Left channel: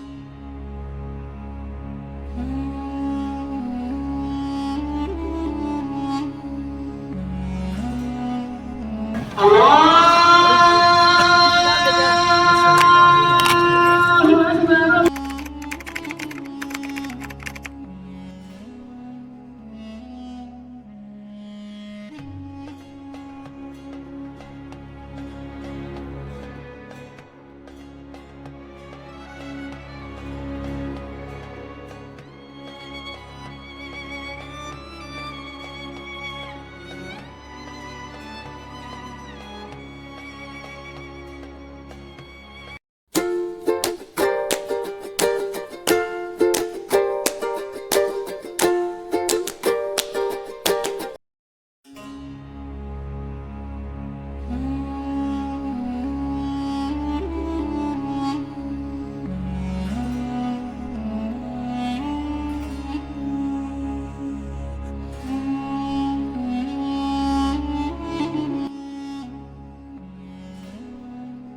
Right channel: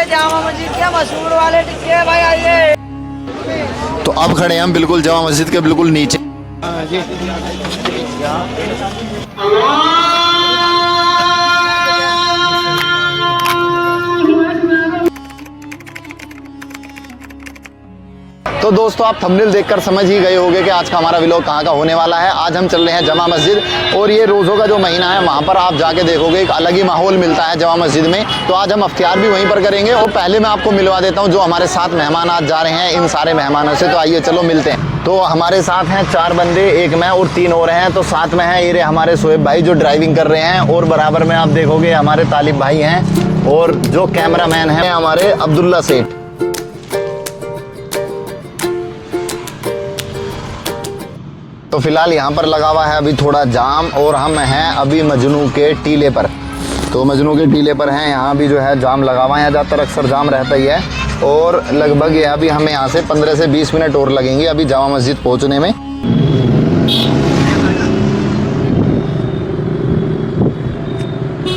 आइए जामा मस्जिद के मशहूर वाले टिक्के भाई आइए। तो अब खड़े हैं हम बिल्कुल जामा मस्जिद के बिल्कुल नीचे। तो दोस्तों आप थंबनेल देखकर समझ ही गए होंगे कि आज का हमारा व्लॉग कहाँ का होने वाला है। आज हम चल रहे हैं जामा मस्जिद और ये रोज़ों का जो महीना है वहाँ पर आप जाके देखोगे एक अलग ही माहौल मिलता है जामा मस्जिद में। तो आज हम इफ्तियार भी वहीं पर करेंगे और पहले मैं आपको मिलवा देता हूँ जो हमारे साथ मेहमान आज जा रहे हैं इन सारे मेहमानों से। तो आइए चलो मिलते हैं। तो हमारे साथ हैं 4 बंदे, एक मैं और 3 और हैं। तो साथ में है ये हमारे शोएब भाई जो ड्राइविंग कर रहे हैं और बराबर में आप देखोगे हमारे तालिब भाई हैं और जो कैमरामैन हैं हमारे अब्दुल्ला सेठ। तो फिलहाल यहाँ पर लगा हुआ है अभी थोड़ा जाम और हम हैं अभी मजनू के टीले पर। तो मजनू के टीले पर हैं, यहाँ भी जो है जाम लगा हुआ है। यहाँ ज़्यादातर अक्सर जाम रहता ही है और लगभग ये अभी हमें यहाँ से 15 से 20 मिनट और लगेंगे अभी जामा मस्जिद पहुँचने में।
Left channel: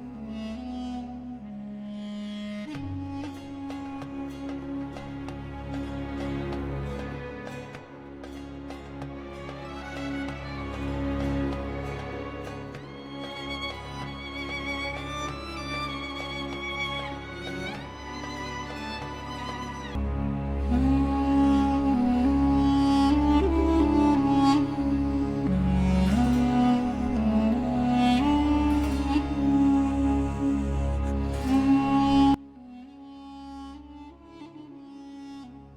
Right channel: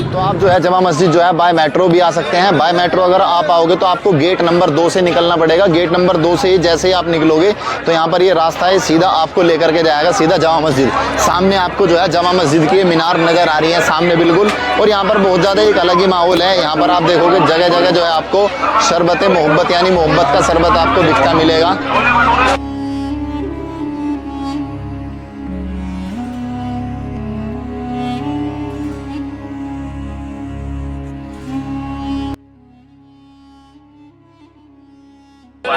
तो आप जो है जामा मस्जिद जो है बाय मेट्रो भी आ सकते हैं। बाय मेट्रो अगर आप आओगे तो आपको गेट नंबर 2 से निकलना पड़ेगा। गेट नंबर 2 से ही जैसे ही आप निकलोगे तो यहाँ पर ये रास्ता है, सीधा आपको लेकर के जाएगा सीधा जामा मस्जिद। सामने आपको जो है जामा मस्जिद की मीनार नज़र आ रही है सामने बिल्कुल। और यहाँ पर बहुत ज़्यादा एक अलग ही माहौल है। यहाँ पर आप देखोगे जगह जगह जो है आपको शरबत मोहब्बत यानी मोहब्बत का शरबत आपको दिखता मिलेगा।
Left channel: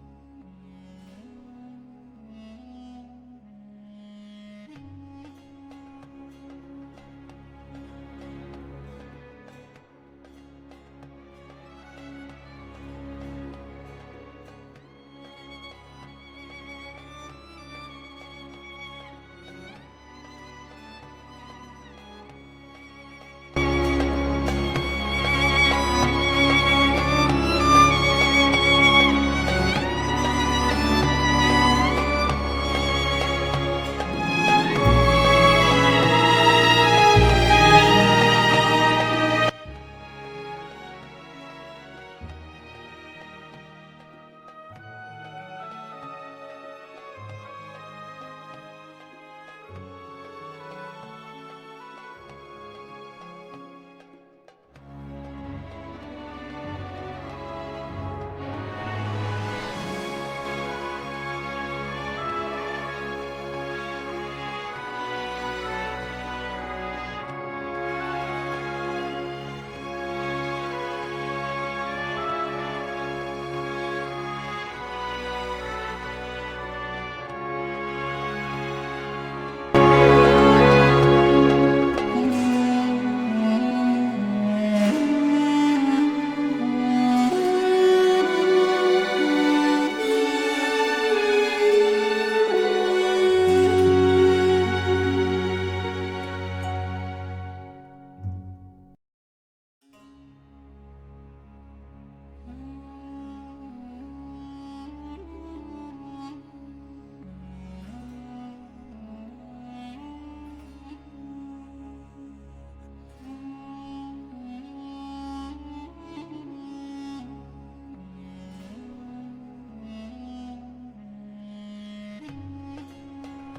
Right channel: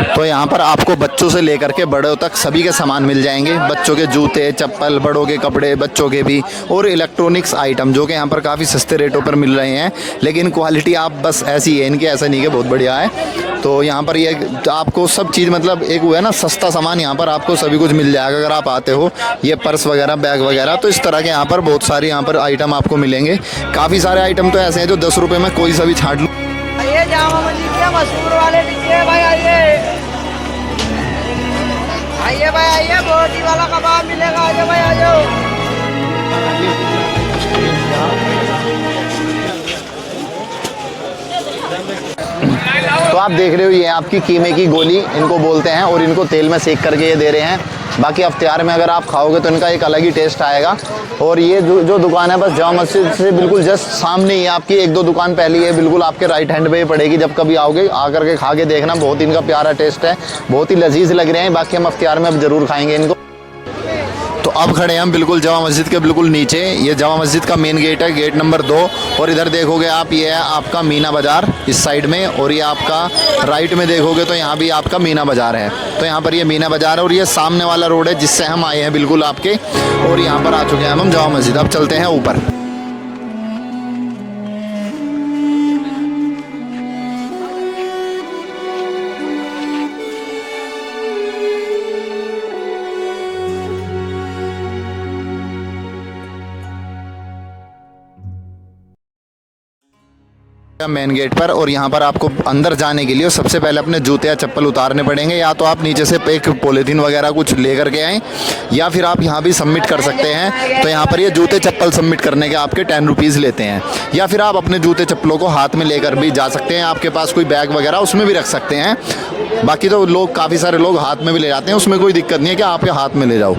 तो यहाँ पर आपको बच्चों से लेकर के बड़ों तक सभी के सामान मिल जाएंगे। बच्चों के जूते चप्पल, बड़ों के कपड़े, बच्चों के भी, और इलेक्ट्रॉनिक्स आइटम जो कि यहाँ पर काफ़ी सस्ते रेटों पर मिल रहे हैं। लेकिन क्वालिटी आप बस ऐसी है इनकी, ऐसा नहीं कि बहुत बढ़िया है। तो यहाँ पर ये आपको सब चीज़ मतलब एक हुआ है ना सस्ता सामान, यहाँ पर आपको सभी कुछ मिल जाएगा अगर आप आते हो। ये पर्स वगैरह, बैग वगैरह, तो इस तरह के यहाँ पर बहुत सारे यहाँ पर आइटम आपको मिलेंगे। काफ़ी सारे आइटम तो ऐसे हैं जो 10 रुपये में कोई सा भी छाट लो। आइए जामा मस्जिद के मशहूर वाले टिक्के भाई आइए। आइए भाई आइए, बोटी वाला कबाब मिलेगा। आइए भाई आ जाओ। तो आप देख रहे हो ये आपकी कीमे की गोली इनको बोलते हैं और इनको तेल में सेक करके ये दे रहे हैं। बाकी इफ्तियार में अगर आप खाओगे तो इनका एक अलग ही टेस्ट आएगा। और ये जो दुकान है बस जामा मस्जिद से बिल्कुल जस्ट सामने ही है आपकी। 1-2 दुकान पहले है बिल्कुल आपके राइट हैंड पे ही पड़ेगी। जब कभी आओगे आकर के खा के देखना, बहुत इनका प्यारा टेस्ट है, बहुत ही लजीज लग रहे हैं। बाकी हम इफ्तियार में अब ज़रूर खाएंगे इनको। तो अब खड़े हैं हम बिल्कुल जामा मस्जिद के बिल्कुल नीचे। ये जामा मस्जिद का मेन गेट है, गेट नंबर 2। और इधर देखोगे आप ये है आपका मीना बाज़ार इस साइड में, और ये आपका राइट में देखोगे तो यहाँ भी आपका मीना बाज़ार है। तो यहाँ पर ये मीना बाज़ार है और ये सामने वाला रोड है जिससे हम आए हैं बिल्कुल आपके। और यहाँ पर आ चुके हैं हम जामा मस्जिद। अब चलते हैं ऊपर। मेन गेट पर, और यहाँ पर आपको अंदर जाने के लिए सबसे पहले अपने जूते या चप्पल उतारने पड़ेंगे। या तो आप नीचे से एक पॉलीथीन वगैरह कुछ लेकर के आएँ, या फिर आप यहाँ भी सबमिट कर सकते हैं। तो यहाँ पर ये जूते चप्पल सबमिट करने के आपके 10 रुपीज़ लेते हैं। या फिर आप अपने जूते चप्पलों को हाथ में लेकर भी जा सकते हैं। आपके पास कोई बैग वगैरह उसमें भी रख सकते हैं। बाकी तो लोग काफ़ी सारे लोग हाथ में भी ले जाते हैं, उसमें कोई दिक्कत नहीं है कि आपके हाथ में ले जाओ।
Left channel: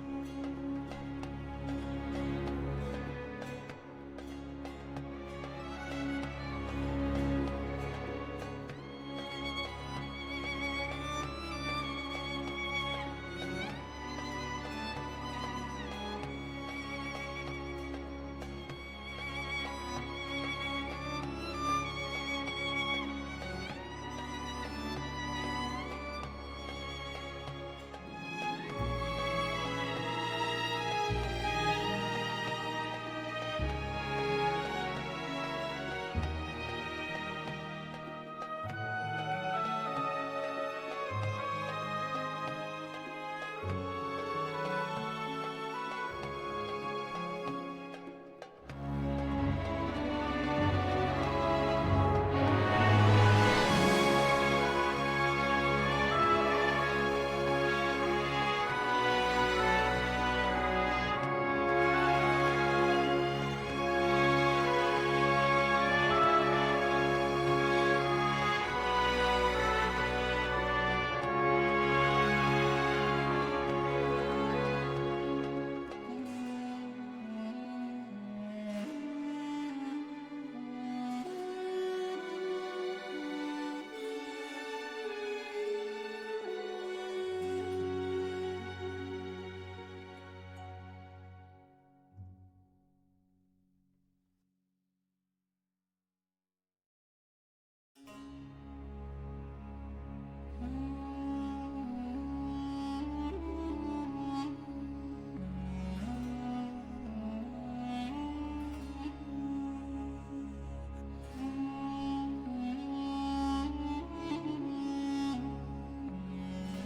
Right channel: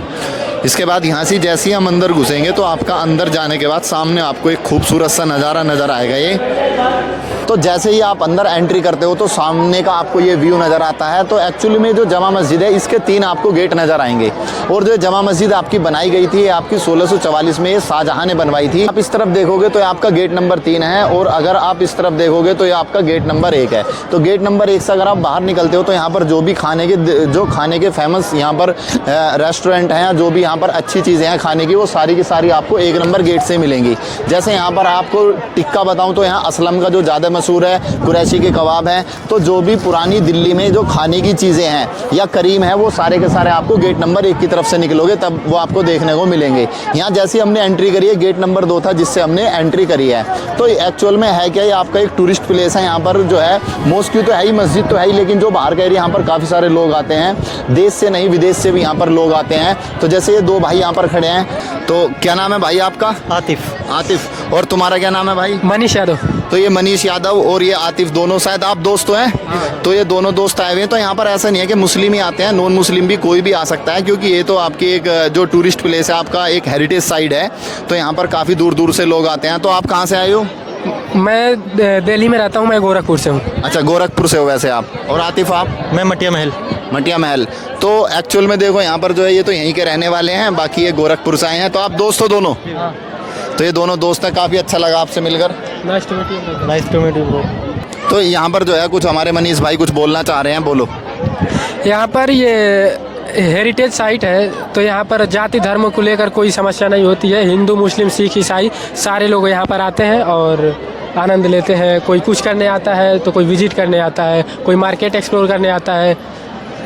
इसके बाद यहाँ से जैसे ही हम अंदर घुसेंगे तो आपका अंदर जाने के बाद सामने आपको एक खूबसूरत सा नज़ारा नज़र आएगा। ये तो जैसे ही आप अंदर एंट्री करते हो तो सामने का आपको ये व्यू नज़र आता है। तो एक्चुअली में जो जामा मस्जिद है इसके 3 आपको गेट नज़र आएंगे। और जो जामा मस्जिद आपकी बनाई गई थी आपकी 1644 में ये शाहजहाँ ने बनवाई थी। आप इस तरफ देखोगे तो आपका गेट नंबर 3 है, और अगर आप इस तरफ देखोगे तो ये आपका गेट नंबर 1 है। तो गेट नंबर 1 से अगर आप बाहर निकलते हो तो यहाँ पर जो भी खाने के फेमस यहाँ पर रेस्टोरेंट हैं, जो भी यहाँ पर अच्छी चीज़ें हैं खाने की, वो सारी की सारी आपको 1 नंबर गेट से मिलेंगी। जैसे यहाँ पर आपको टिक्का बताऊँ तो यहाँ असलम का जो ज़्यादा मशहूर है, कुरैशी के कबाब हैं। तो जो भी पुरानी दिल्ली में जो खाने की चीज़ें हैं या करीम है वो सारे के सारे आपको गेट नंबर 1 की तरफ से निकलोगे तब वो आपको देखने को मिलेंगे। यहाँ जैसे हमने एंट्री करी है, गेट नंबर 2 था जिससे हमने एंट्री करी है। तो एक्चुअल में है क्या, ये आपका एक टूरिस्ट प्लेस है। यहाँ पर जो है मॉस्क तो है ही, मस्जिद तो है ही, लेकिन जो बाहर का एरिया यहाँ पर काफ़ी सारे लोग आते हैं, देश से नहीं विदेश से भी यहाँ पर लोग आते हैं। तो जैसे ये 2 भाई यहाँ पर खड़े हैं, तो क्या नाम है भाई आपका? आतिफ। आतिफ। और तुम्हारा क्या नाम है भाई? मनीष यादव। तो ये मनीष यादव यादव और ये आतिफ दोनों शायद आप दोस्त हैं। तो ये दोनों दोस्त आए हुए हैं। तो यहाँ पर ऐसा नहीं है कि मुस्लिम ही आते हैं, नॉन मुस्लिम भी कोई भी आ सकता है, क्योंकि ये तो आपकी एक जो टूरिस्ट प्लेस है, आपका एक हेरिटेज साइट है। तो यहाँ पर काफ़ी दूर दूर से लोग आते हैं। तो आप कहाँ से आए हो? मैं दिल्ली में रहता हूँ, मैं गोरखपुर से हूँ। अच्छा, गोरखपुर से हो वैसे आप। और आतिफ आप? मैं मटिया महल। मटिया महल। तो एक्चुअल में देखो यहाँ पर जो है ये तो यहीं के रहने वाले हैं, बाकी ये गोरखपुर से आए हैं। तो आप दोस्त हो दोनों? तो ये दोनों दोस्त हैं। काफ़ी अच्छा लगा आपसे मिलकर। Nice to meet you bro. तो यहाँ पर जो है कुछ हमारे मनीष भाई कुछ बोलना चाह रहे हैं, बोलो। यहाँ पर ये हेरिटेज साइट है, तो यहाँ पर जाति धर्म को लेकर कोई समस्या नहीं होती है। हिंदू, मुस्लिम, सिख, ईसाई सारे लोग यहाँ पर आते हैं और आनंद लेते हैं। कोई कुछ करने आता है तो कोई विजिट करने आता है, कोई मार्केट एक्सप्लोर करने आता है।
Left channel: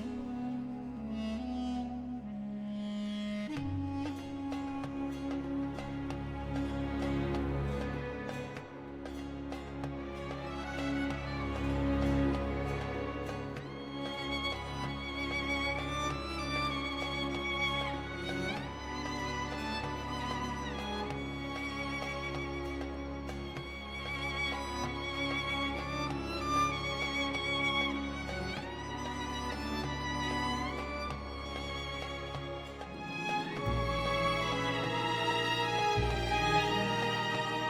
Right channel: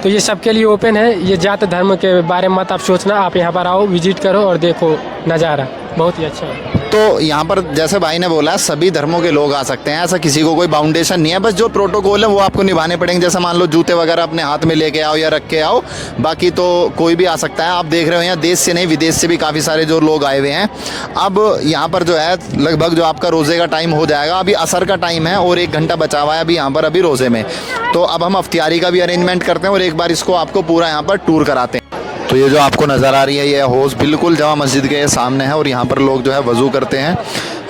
तो ये सबके लिए ओपन है। ये जाति धर्म के बारे में मत आप सोचना, आप यहाँ पर आओ, विजिट करो और देखो नज़ारा, बहुत ही अच्छा है। तो यहाँ पर जैसे भाई ने बोला सभी धर्मों के लोग आ सकते हैं, ऐसा किसी को कोई बाउंडेशन नहीं है। बस जो प्रोटोकॉल है वो आपको निभाने पड़ेंगे। जैसे मान लो जूते वगैरह अपने हाथ में लेके आओ या रख के आओ, बाकी तो कोई भी आ सकता है। आप देख रहे हो यहाँ देश से नहीं विदेश से भी काफ़ी सारे जो लोग आए हुए हैं। अब यहाँ पर जो है लगभग जो आपका रोज़े का टाइम हो जाएगा, अभी असर का टाइम है और 1 घंटा बचा हुआ है अभी यहाँ पर अभी रोज़े में। तो अब हम अफ्तियारी का भी अरेंजमेंट करते हैं और एक बार इसको आपको पूरा यहाँ पर टूर कराते हैं। तो ये जो आपको नज़र आ रही है ये हौज़ बिल्कुल जामा मस्जिद के सामने है और यहाँ पर लोग जो है वज़ू करते हैं।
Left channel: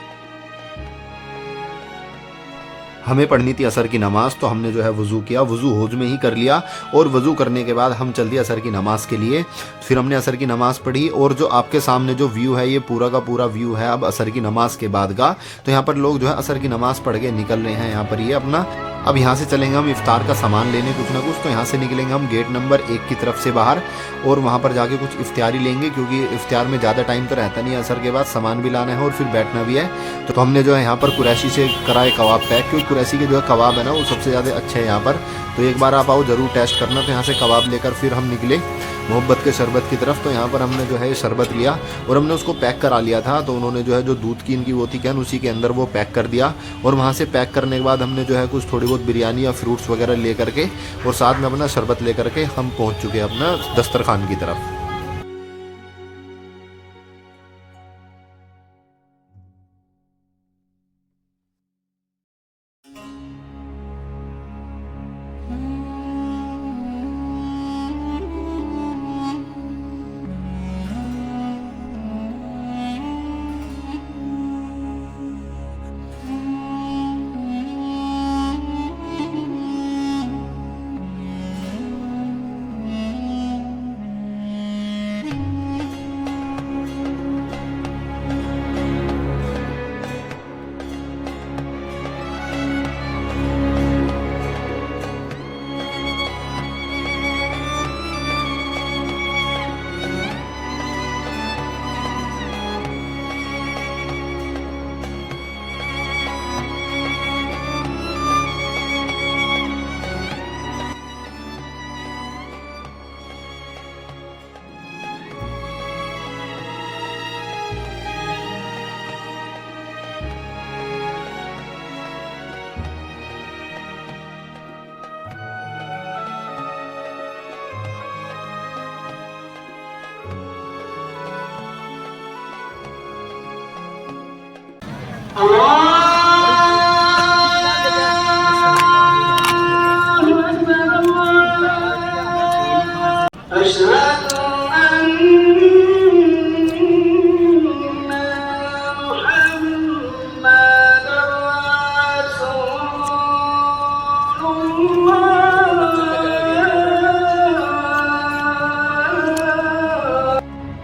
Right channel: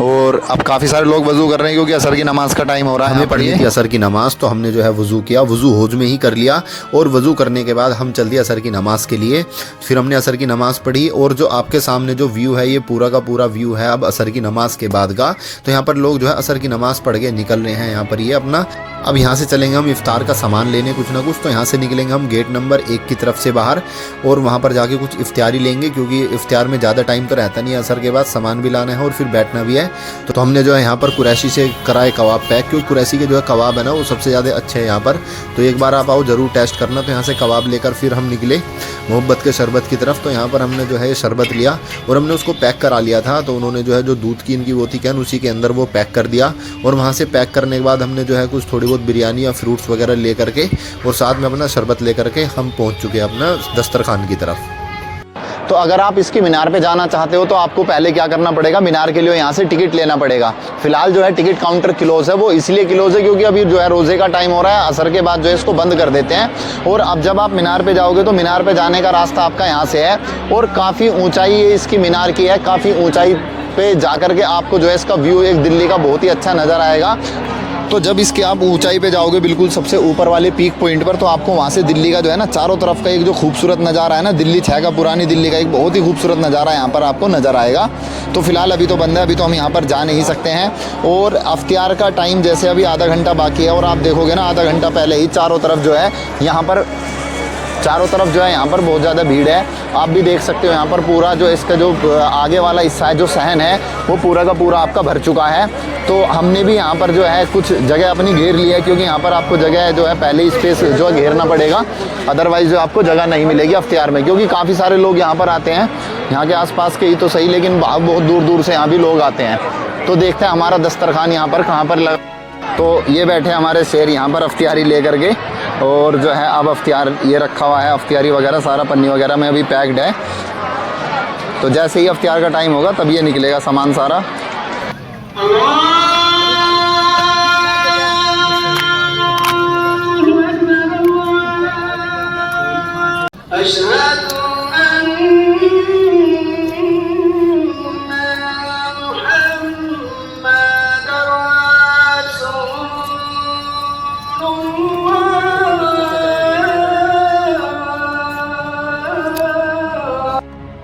और अब काफ़ी सारे लोग वज़ू कर रहे हैं क्योंकि असर की नमाज़ का टाइम हो रहा है। हमें पढ़नी थी असर की नमाज़, तो हमने जो है वज़ू किया, वज़ू हौज में ही कर लिया। और वज़ू करने के बाद हम चल दिए असर की नमाज़ के लिए। फिर हमने असर की नमाज़ पढ़ी और जो आपके सामने जो व्यू है ये पूरा का पूरा व्यू है अब असर की नमाज़ के बाद का। तो यहाँ पर लोग जो है असर की नमाज़ पढ़ के निकल रहे हैं यहाँ पर ये अपना। अब यहाँ से चलेंगे हम इफ्तार का सामान लेने कुछ ना कुछ। तो यहाँ से निकलेंगे हम गेट नंबर 1 की तरफ से बाहर और वहाँ पर जाके कुछ इफ्तारी लेंगे, क्योंकि इफ्तार में ज़्यादा टाइम तो रहता नहीं है। असर के बाद सामान भी लाना है और फिर बैठना भी है। तो हमने जो है यहाँ पर कुरैशी से कराए कबाब पैक, क्योंकि कुरैशी के जो है कबाब है ना वो सबसे ज़्यादा अच्छे हैं यहाँ पर। तो एक बार आप आओ ज़रूर टेस्ट करना। तो यहाँ से कबाब लेकर फिर हम निकले मोहब्बत के शरबत की तरफ। तो यहाँ पर हमने जो है ये शरबत लिया और हमने उसको पैक करा लिया था। तो उन्होंने जो है जो दूध की इनकी वो थी कैन उसी के अंदर वो पैक कर दिया। और वहाँ से पैक करने के बाद हमने जो है कुछ थोड़ी बहुत बिरयानी या फ्रूट्स वगैरह ले करके और साथ में अपना शरबत ले करके हम पहुँच चुके अपना दस्तरखान की तरफ। तो अगर आप इसकी मीनार पे जाना चाहते हो तो आपको पहले क्या करना पड़ेगा, मीनार के लिए यहाँ से टिकट लेना पड़ेगा। फिलहाल जो है टिकट काउंटर क्लोज है, वो इसलिए क्लोज है क्योंकि अभी जो है रोज़े का टाइम हो रहा है। असर के बाद जो है इसको बंद कर देते हैं। और अब जब आप मीनार पे जाओगे तो मीनार पे जाने का रास्ता आपका यहाँ से है और काफ़ी ऊंचाई ये इसकी मीनार की है। काफ़ी ऊंचाई पे जा कर के आपको जो है इसका व्यू एक दिल्ली का बहुत ही अच्छा नज़र आएगा। तो जब इसके आप ऊंचाई पे जाओगे बिल्कुल सबसे ऊपर वाले पीक पॉइंट पर, तो आपको वहाँ से दिल्ली का जो है ना चारों तरफ का एक जो खूबसूरत नज़ारा है ना, दिल्ली 6 का पुरानी दिल्ली का एक बहुत ही खूबसूरत नज़ारा यहाँ पर आपको नज़र आएगा। तो फिलहाल अभी तो बंद है, अभी तो हम यहाँ पर जा नहीं सकते हैं। और अफ्तियार का टाइम जैसे अभी आधा घंटा बाकी है और आप देखोगे ना आधा घंटा पहले ही चारों तरफ जो है यहाँ पर यहाँ पर बहुत ज़्यादा भीड़ है। आप भी देख सकते हो यहाँ पर पूरा जो इसका जो आगे वाला हिस्सा है जो सहन है वो पूरा का पूरा आपका भर चुका है। तो हमने भी यहाँ पर जो है कुछ जगह अपनी घेर ली है, क्योंकि यहाँ पर आपको जगह जो है पहले स्पेस जो है घेरना पड़ेगा, अदरवाइज़ जो आपको जगह नहीं मिलेगी अफ्तियार में। क्योंकि काफ़ी सारे लोग यहाँ पर आते हैं, यहाँ के आसपास के ही तो सही, लेकिन बहुत दूर दूर से यहाँ भी लोग आते हैं। तो देखते हैं हमारा दस्तरखान यहाँ पर कहाँ पर लगा। तो ये बैठे हमारे शेर यहाँ पर अफ्तियारी ले करके, और जो है अब अफ्तियार ये रखा हुआ है, अफ्तियारी वगैरह सारा पन्नी वगैरह में अभी पैक्ड है। तो जैसे ही अफ्तियार का टाइम होगा तब ये निकलेगा सामान सारा।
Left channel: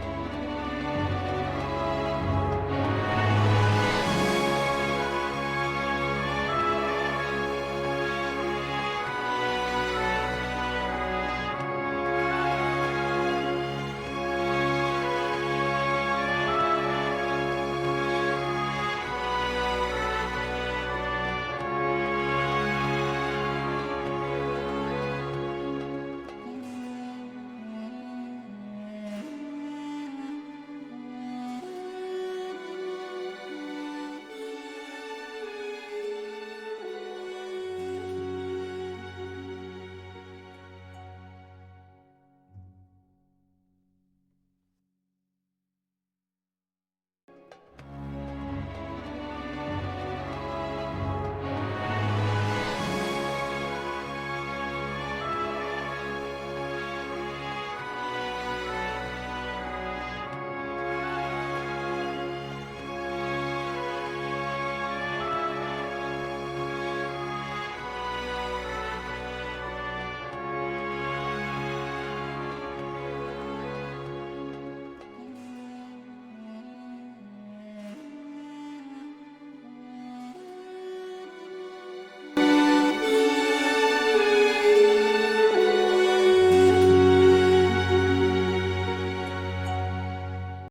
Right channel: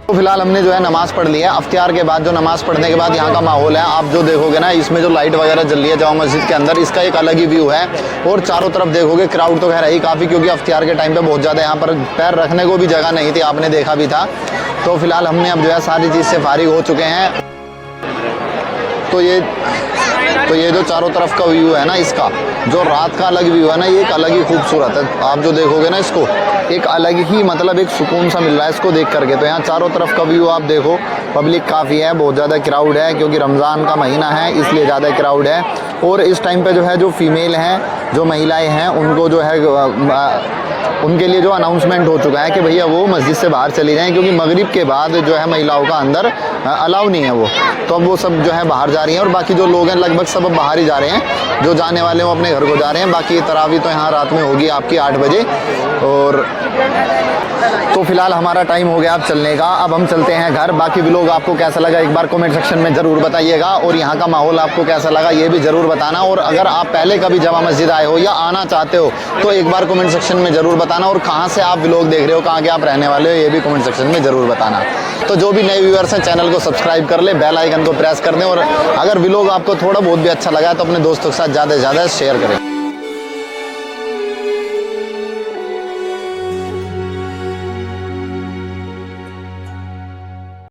तो फिलहाल हमने जो है नमाज़ पढ़ ली है। अफ्तियार के बाद जो नमाज़ पढ़ने के बाद यहाँ का माहौल है आप जो देखोगे ना, इसमें जो लाइट वगैरह जल रही है जामा मस्जिद के अंदर, इसका एक अलग ही व्यू है। और चारों तरफ देखोगे क्राउड तो खैर है ही काफ़ी, क्योंकि अफ्तियार के टाइम पे बहुत ज़्यादा यहाँ पर पैर रखने को भी जगह नहीं थी, आपने देखा भी था। तो फिलहाल हमने अब जो है सारी चीज़ से फारिग हो चुके हैं। तो ये जो चारों तरफ का व्यू है ना, इसका जो रात का अलग व्यू है ना, ये एक अलग ही खूबसूरत है। आप जो देखोगे ना इसको एक अलग ही मतलब एक सुकून सा मिल रहा है इसको देख करके। तो यहाँ चारों तरफ का व्यू आप देखो, पब्लिक काफ़ी है, बहुत ज़्यादा क्राउड है, क्योंकि रमज़ान का महीना है इसलिए ज़्यादा क्राउड है। और इस टाइम पे जो है जो फीमेल हैं, जो महिलाएं हैं, उनको जो है उनके लिए जो अनाउंसमेंट हो चुका है कि भैया वो मस्जिद से बाहर चली जाएं, क्योंकि मगरिब के बाद जो है महिलाओं का अंदर अलाउ नहीं है वो। तो अब वो सब जो है बाहर जा रही हैं और बाकी जो लोग हैं लगभग सब अब बाहर ही जा रहे हैं। जो जाने वाले हैं वो अपने घर को जा रहे हैं। बाकी तरावी तो यहाँ रात में होगी आपकी 8 बजे। और तो फिलहाल हमारा टाइम हो गया अब चलने का। अब हम चलते हैं घर। बाकी व्लॉग आपको कैसा लगा एक बार कमेंट सेक्शन में ज़रूर बताइएगा, और यहाँ का माहौल आपको कैसा लगा ये भी ज़रूर बताना। और अगर आप पहले कभी जामा मस्जिद आए हो या आना चाहते हो तो एक बार कमेंट सेक्शन में ज़रूर बताना। और कहाँ से आप व्लॉग देख रहे हो, कहाँ के आप रहने वाले हो, ये भी कमेंट सेक्शन में ज़रूर बताना। तो जो भी नए व्यूअर्स हैं चैनल को सब्सक्राइब कर ले, बेल आइकन को प्रेस कर दें। और अगर व्लॉग आपको थोड़ा बहुत भी अच्छा लगा तो अपने दोस्तों के साथ ज़्यादा से ज़्यादा शेयर करें।